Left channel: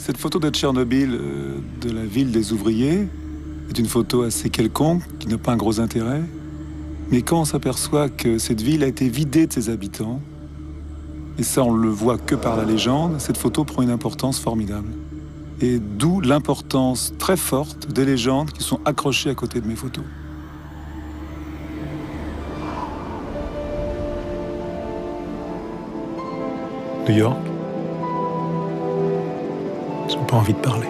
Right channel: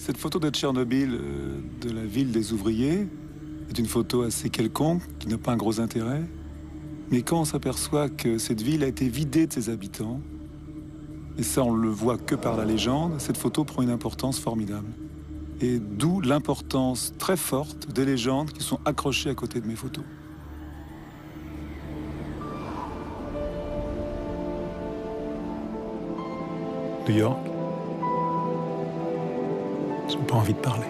Cette photo de Tchernobyl, de la ville des ouvriers, est une photo assez quelconque, qui n'a pas un gros intérêt. Mais quand on s'aperçoit que cette ville a été vidée de ses habitants, et ça on le voit que par la légende, cette photo prend une importance formidable. Et d'où l'importance très forte des légendes qui sont accrochées à côté de mes photos. New York. Ils n'ont pas envie de parler.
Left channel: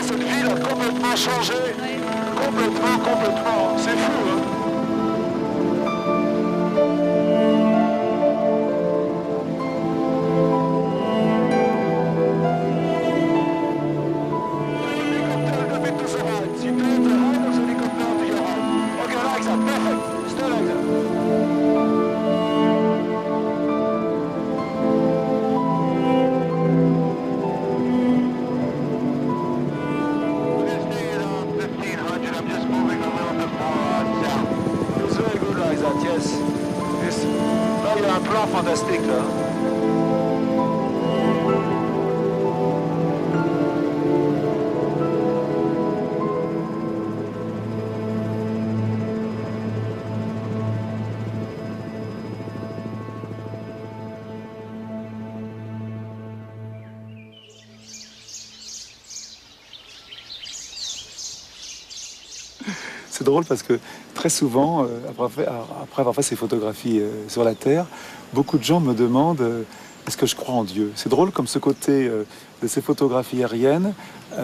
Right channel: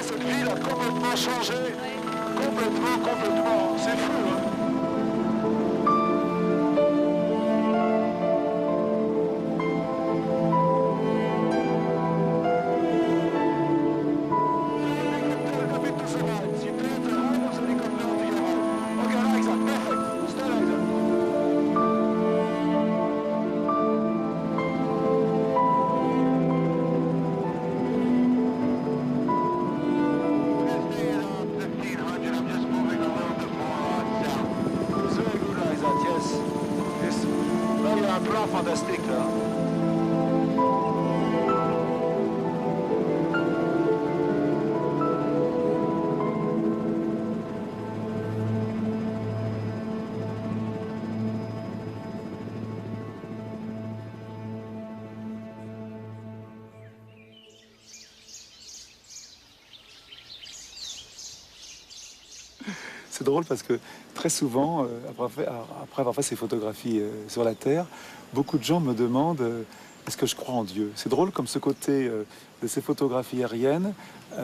Cette ville a complètement changé. Ouais. Complètement. C'est fou, hein. Là, il y a un plan fantastique, là. C'est drôle parce que très souvent, après avoir fait ces photographies sur la Terre, beaucoup de gens me demandent est-ce que je crois en Dieu. C'est drôle comme ce côté de ces photographies aériennes, il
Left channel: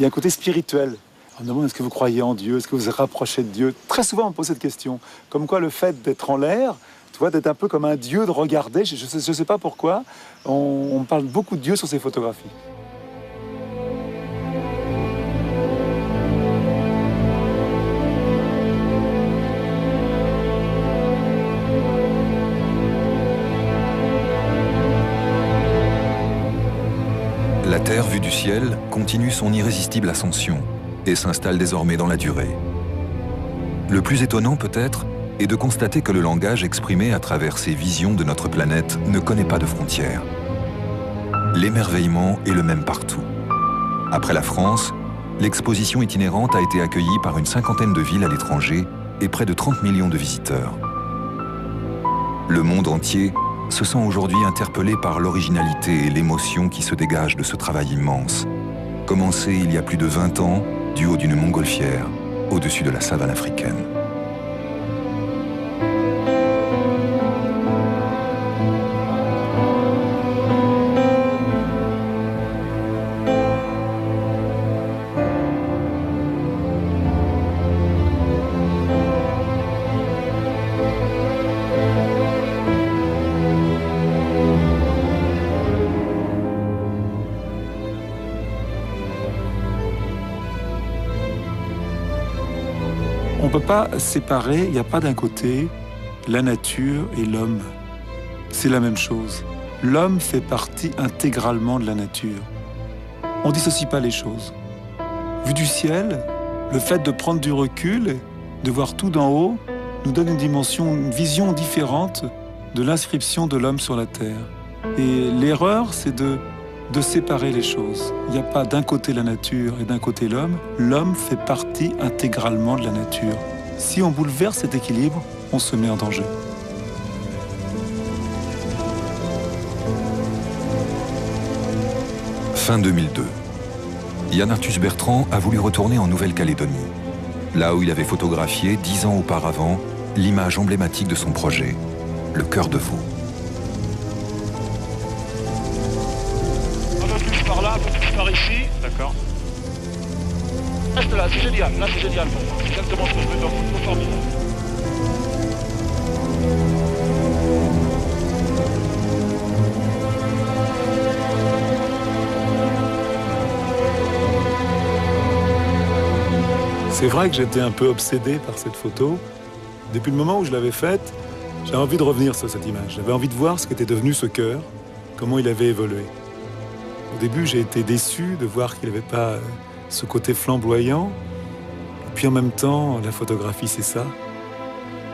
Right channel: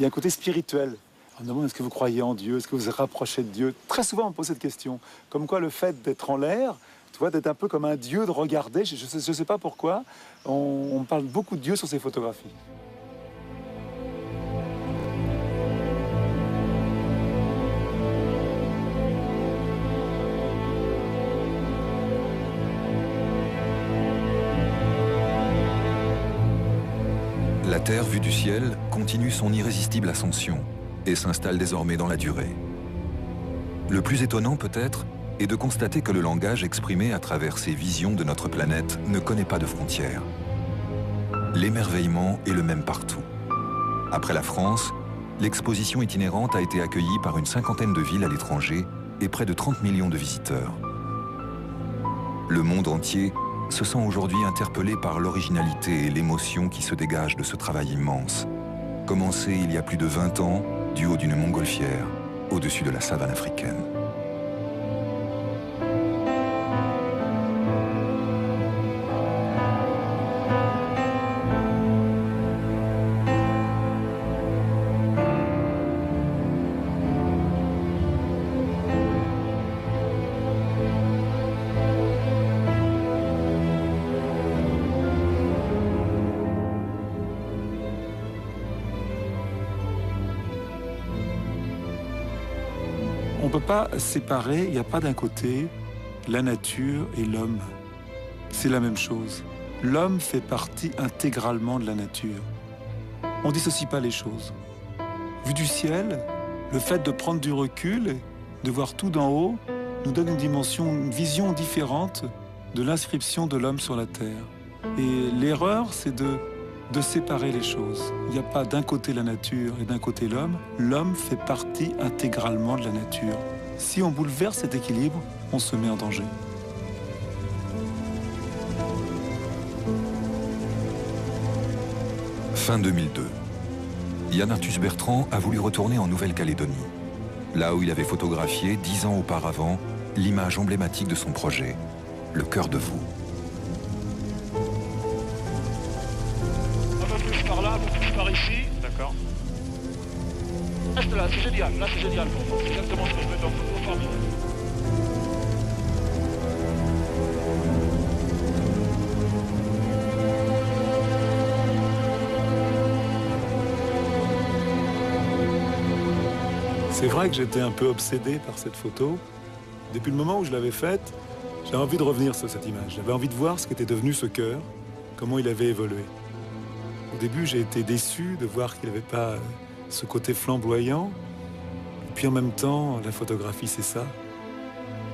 y a un côté spirituel. On me demande est-ce que vous croyez en Dieu, est-ce que vous vous rapprochez de Dieu. Très souvent on me pose cette question, comme quoi le fait d'être en l'air, tu vois, d'être un peu comme un Dieu, de regarder, je sais pas pourquoi, on parle beaucoup de Dieu sur ces photographies. La Terre, vue du ciel, continue son irrésistible ascension et s'installe désormais dans la durée. Le plus étonnant peut-être est de constater que le langage exprimé à travers ces visions de notre planète ne connaît pas de frontières. L'émerveillement est le même partout. Après la France, l'exposition itinérante a été accueillie par une cinquantaine de villes à l'étranger et près de 30 millions de visiteurs. Le monde entier se sent aujourd'hui interpellé par l'originalité et l'émotion qui se dégagent de ce travail immense, commencé il y a plus de 20 ans, du haut d'une montgolfière, au-dessus de la savane africaine. On ne peut pas séparer, il n'y a pas d'un côté la nature et l'homme. C'est la même chose. L'homme fait partie intégralement de la nature. On ne dissocie pas les choses. Vu du ciel, le fait de prendre du recul, de voir tout d'en haut, nous donne une dimension, une vision différente de l'inscription de l'homme sur la Terre. Et l'erreur, c'est de séparer les choses. Il n'y a pas d'un côté la nature et d'un côté l'homme. L'homme fait partie intégralement de la nature. Si on bouleverse cet équilibre, on se met en danger. Fin 2002. Yann Arthus Bertrand a voulu retourner en Nouvelle-Calédonie, là où il avait photographié 10 ans auparavant l'image emblématique de son projet, le cœur de veau. Un peu plus par là, un peu plus par ici. D'accord. Reste là, c'est génial pour moi. C'est exactement ce que je veux dans photo, formidable. C'est vrai que j'étais un peu obsédé par cette photo. Depuis le moment où je l'avais faite, j'avais envie de revenir sur cette image. J'avais envie de voir ce qu'était devenu ce cœur, comment il avait évolué. Au début, j'ai été déçu de voir qu'il n'avait pas ce côté flamboyant. Et puis en même temps, la photographie, c'est ça.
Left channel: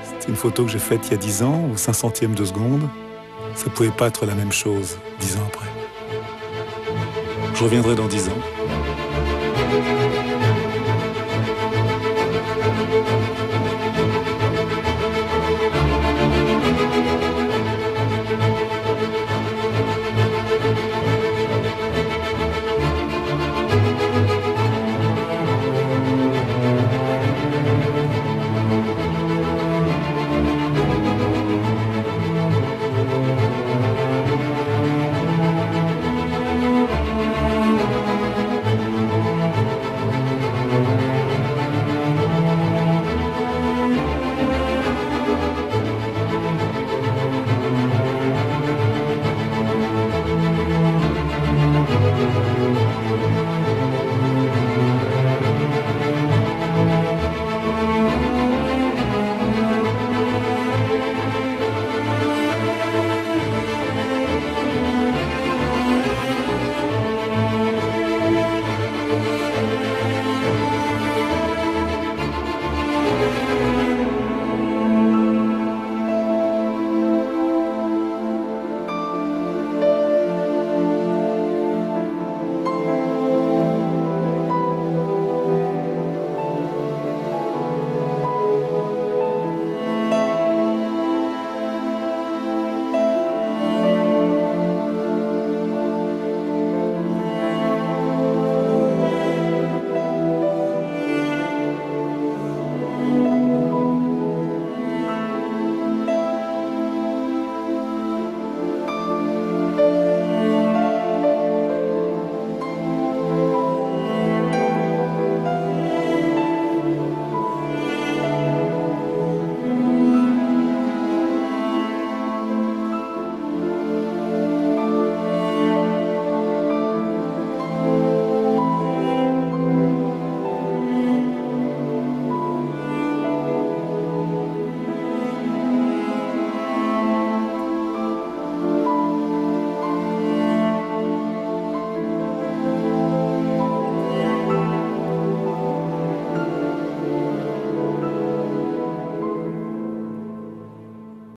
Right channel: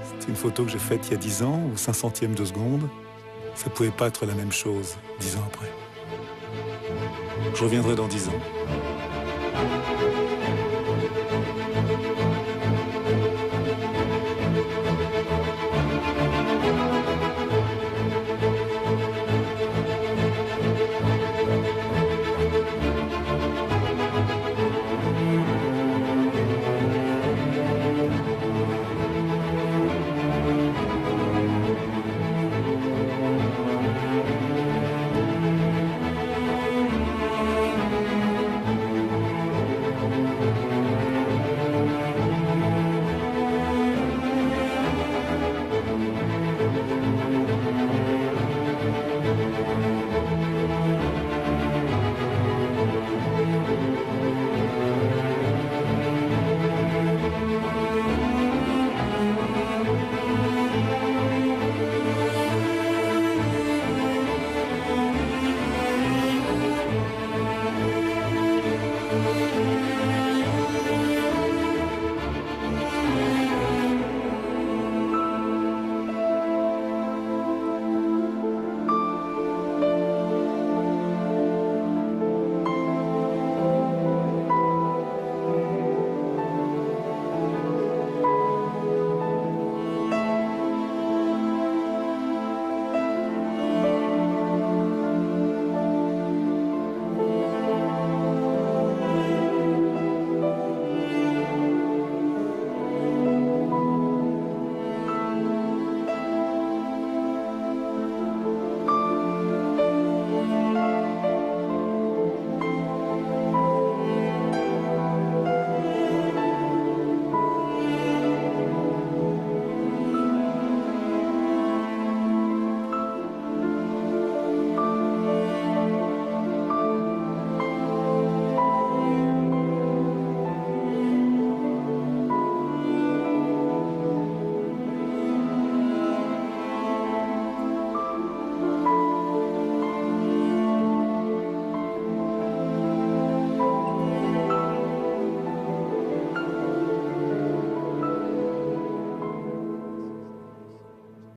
C'était une photo que j'ai faite il y a 10 ans, au 500e de seconde. Ça ne pouvait pas être la même chose 10 ans après. Je reviendrai dans 10 ans.